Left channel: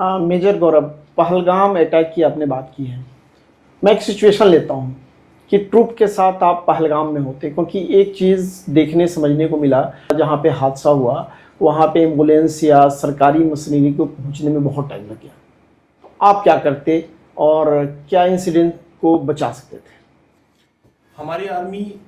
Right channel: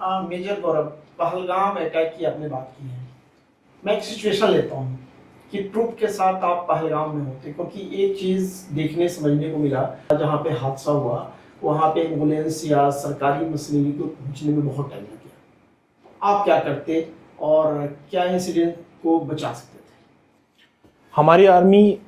Major गौरव, Pahalgam attack की आपने बात की है। मैं एक सिचुएशन लेता हूँ कि ट्रुप के साथ आप पहलगाम में होते, क्योंकि एक चीज़ देखने समझने को मिला, जहाँ पे हादसा हुआ वहाँ पे एम्बुलेंस या सरकारी मशीनरी को पहुँचने में बहुत टाइम लग गया। आप क्या करते और क्या इंसिडेंट को बचा सकते थे? हमारी आर्मी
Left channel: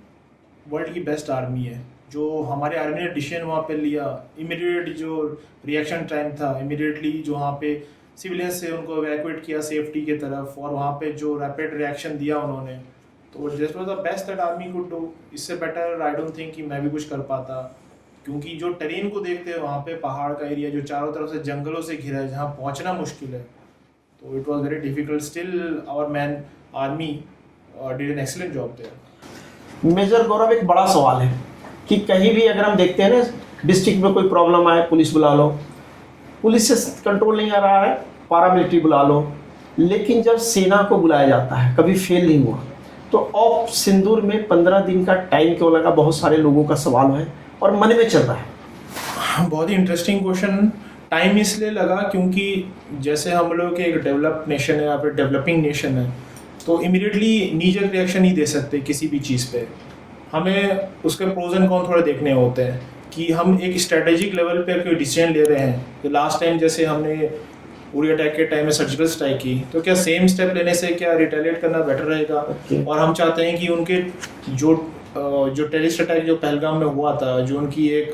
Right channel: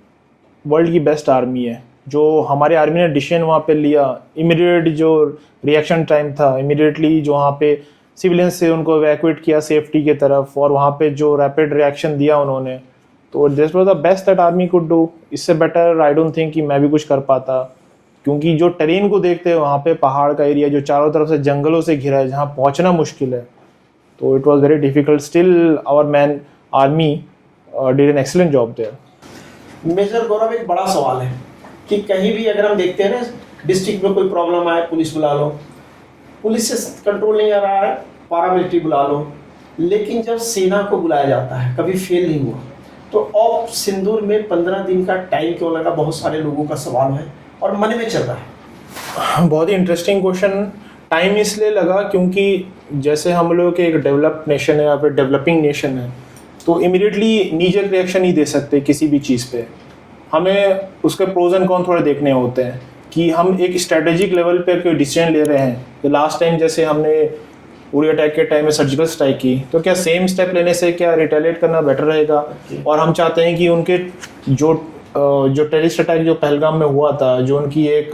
वर्ल्ड की बेस्ट आर्मी है। जो हमारे आर्मी ने डिसीजन वहाँ पे लिया, इमीडिएट जो रिएक्शन टाइम था, इमीडिएटली जो वहाँ पे सिविलियंस से उनको इवैक्यूएट किया सेफ्टी की तरफ, और वहाँ पे जो रैपिड रिएक्शन दिया उन्होंने, तो this was the best that army could do. इससे बेटर आई डोंट थिंक कि मैं भी कुछ कर पाता, क्योंकि जो टेरेन को देखते हैं वहाँ पे पहाड़ का एरिया जो चारों तरफ से जंगलों से घिरा है, जहाँ पहुँचना मुश्किल है, तो it was very difficult. Still our men army did an excellent job there. Major Gaurav, एक बड़ा सवाल है कि कहीं भी अगर हम देखते हैं ना, डिस्ट्रिक्ट में कोई प्रॉब्लम आए, पुलिस बुला लो, पुलिस से कंट्रोल नहीं आ रहा है, पारामिलिट्री बुला लो, लेकिन जब सेना को बुलाया जाता है कभी फेल नहीं हुआ। तो ऑप सिंदूर में 15 दिन का टाइम क्यों लगा? बहुत सारे लोगों का सवाल है और मन में चल रहा है। बहुत ही इंटरेस्टिंग क्वेश्चन। टाइम इसलिए लगा क्योंकि जैसे हम लोग एक डेवलप्ड नेशन है या फिर डेवलपिंग नेशन है, तो इमीडिएटली नीजर रिएक्शन नहीं दे सकते किसी भी चीज़ पे। हमें उसके प्रोज एंड कॉन थोड़े देखने होते हैं कि हम एक स्ट्रेटेजिक लेवल पे कोई डिसीजन ले रहे हैं। तो लास्ट टाइम जैसे हमने उरी अटैक के टाइम में सर्जिकल स्ट्राइक की, तो क्या सेम स्टेप लेने से क्या रिटेलिएट करना बेटर रहेगा? और हम चाहते हैं कि उनके जो टेररिस्ट अटैक जो पहलगाम में हुआ था, जो उनकी एक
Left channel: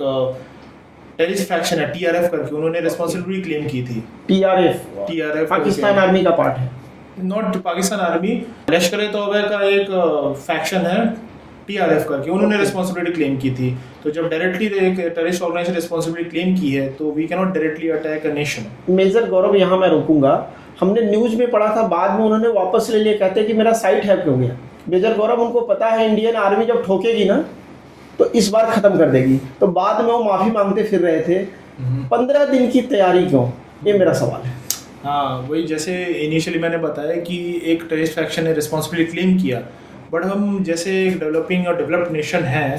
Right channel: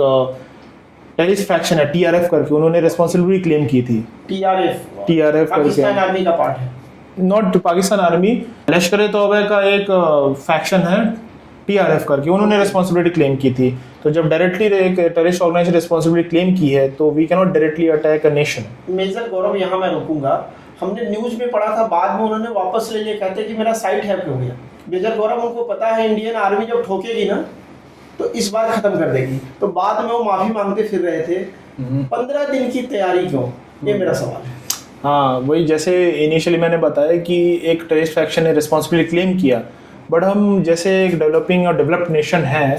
टेररिस्ट फैक्शन है TRF करके, उन्होंने रिस्पॉन्सिबिलिटी क्लेम की थी। TRF पाकिस्तान आर्मी का पार्ट है, नॉट पाकिस्तान आर्मी, लश्कर-ए-तौबा का एक फैक्शन है TRF करके, उन्होंने रिस्पॉन्सिबिलिटी क्लेम की थी। तो जब डायरेक्टली एक टेररिस्ट ऑर्गेनाइजेशन रिस्पॉन्सिबिलिटी क्लेम की है, तो we can not directly attack a nation. Major Gaurav, यहाँ मैं रुकूंगा। हमने न्यूज में पढ़ा था, बाद में उन्होंने वापस ले लिया, कहते कि मेरा साइट हैक हो गया। मेजर गौरव, उनको पता है इंडियन आर्मी जब ठोकेगी ना तो इस बार खत्म कर देगी, तो बाद में वो माफी मांगते फिर रहे थे। 15 दिन की तैयारी क्यों? ये मेरा सवाल है। हाँ, वही जैसे इनिशियली मैंने बताया कि एक टेररिस्ट फैक्शन ने रिस्पॉन्सिबिलिटी क्लेम किया, बट हम जैसे एक डेवलपिंग और डेवलप्ड नेशन है,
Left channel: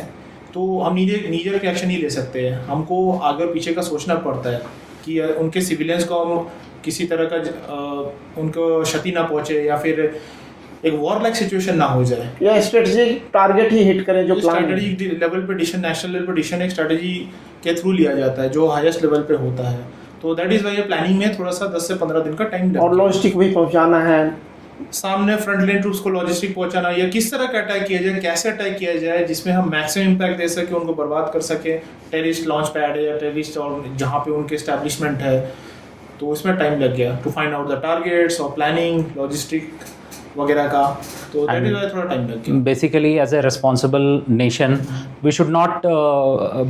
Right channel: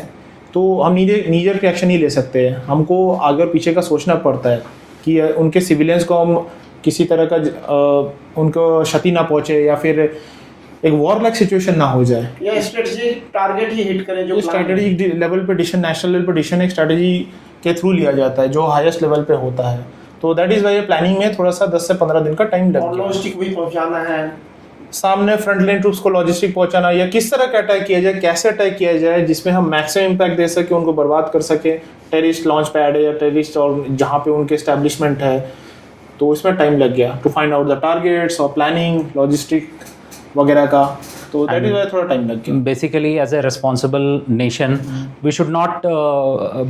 तो हम नीजर रिएक्शन नहीं ले सकते। हमको आगे पीछे का सोचना पड़ता है कि उनके सिविलियंस को हम किसी तरह का उनको क्षति ना पहुँचे, या फिर एक वॉर लाइक सिचुएशन ना हो जाए, या स्ट्रेटेजिक टारगेट ही हिट करें। जो स्ट्रेटेजिक लेवल पे डिसीजन, नेशनल लेवल पे डिसीजन एक स्ट्रेटेजी के थ्रू लिया जाता है जो हाईएस्ट लेवल पे होता है। तो दैट इज वाई प्लानिंग में थोड़ा सा 10 से 15 दिन का टाइम लगता है। और लॉजिस्टिक भी पहुंचाना है, सामने फ्रंट लाइन ट्रूप्स को लॉजिस्टिक पहुंचाना, या किस तरह का अटैक किया जाए, कैसे अटैक किया जाए जिसमें हम मैक्सिमम इम्पैक्ट दे सके, उनको बर्बाद कर सके। टेररिस्ट लॉन्च पैड है या टेररिस्ट और जहाँ पे उनके एस्टेब्लिशमेंट है, तो इसमें टाइम लग गया to find out the targets और प्लानिंग लॉजिस्टिक वगैरह का। तो दैट इज वाई थोड़ा टाइम लग गया। Basically, as a responsible nation, we should not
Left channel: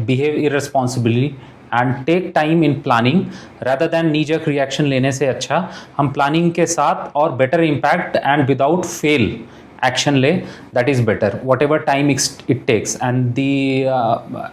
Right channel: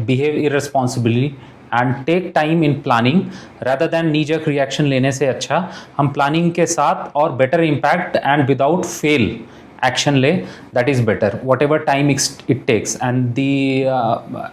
behave irresponsibly and take time in planning rather than knee-jerk reaction लेने से अच्छा हम planning के साथ और better impact and without fail action ले, that is better, whatever time it takes, and the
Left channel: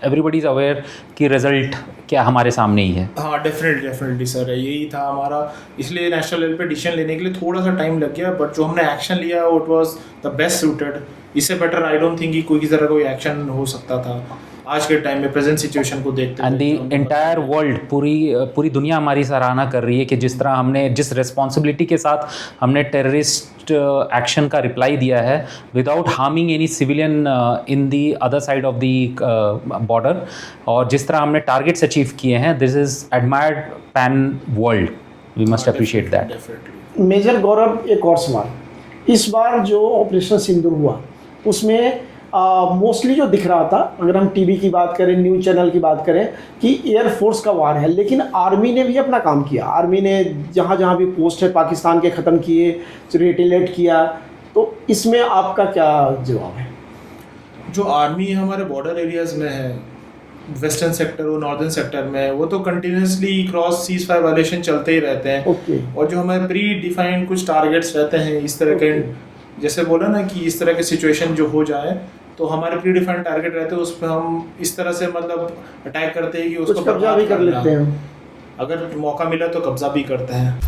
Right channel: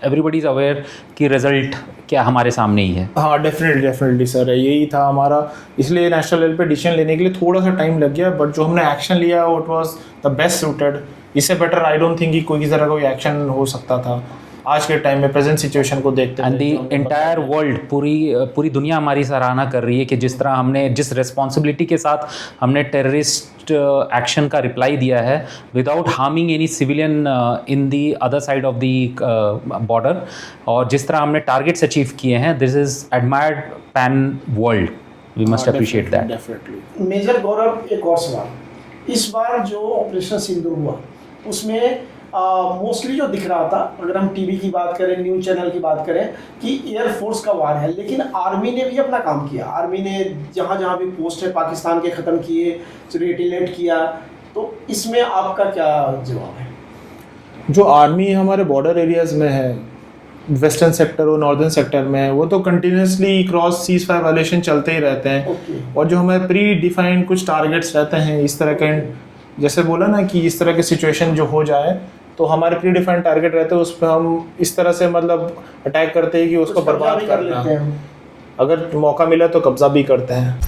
everybody is aware कि result क्या हमारे सामने ही है। हाँ, डेफिनेटली सर, यही था हमारा। इसलिए नेशनल लेवल पे डिसीजन लेने के लिए थोड़ा सा टाइम लग गया, बट जो हमने एक्शन लिया it was the best suited. इससे बेटर आई डोंट थिंक कि कोई तरह कोई एक्शन हो सकता था आज के टाइम में, प्रेजेंट सिचुएशन को देखते हैं। एंड द एंटायर वर्ल्ड, पूरी दुनिया हमारी सराहना कर रही है कि जिस तरह हमने, जिस रिस्पॉन्सिबिलिटी के साथ हमने टेररिस्ट एक्शन का रिप्लाई दिया है without harming any civilian in the other side of the border, और जिस तरह हमने टारगेट्स अचीव किए हैं, this is admired pan world. We must appreciate that. Major Gaurav, एक और सवाल। इस बार जो ऑपरेशन सिंदूर हुआ उसमें मोस्टली जो दिख रहा था, अगर हम टीवी की बात करें, न्यूज़ चैनल की बात करें, कि एयरफोर्स का वार है, लेकिन आर्मी ने भी अपना काम किया। आर्मी ने जहाँ जहाँ भी पोस्ट है पाकिस्तान के ख़त्म किए, रिटेलिएट किया। तो इसमें आपका क्या जवाब है? जो आर्मी हमारे बॉर्डर एरियाज़ में है, वेस्टर्न सेक्टर और नॉर्दर्न सेक्टर में, वो तो continuously cross cease fire violation चलते ही रहते हैं। और जो हमारे प्री डिफाइंड कुछ टारगेट्स रहते हैं इस तरह के, जैसे बोला ना कि इस तरह की सिचुएशन जो हो जाए, तो हमारे प्री डिफाइंड टारगेट रहते हैं, उस पर हम इस तरह से मतलब अटैक करते हैं कि उसको कब्जा भी कर लेते हैं। अगर मौका मिला तो कब्जा भी करते हैं।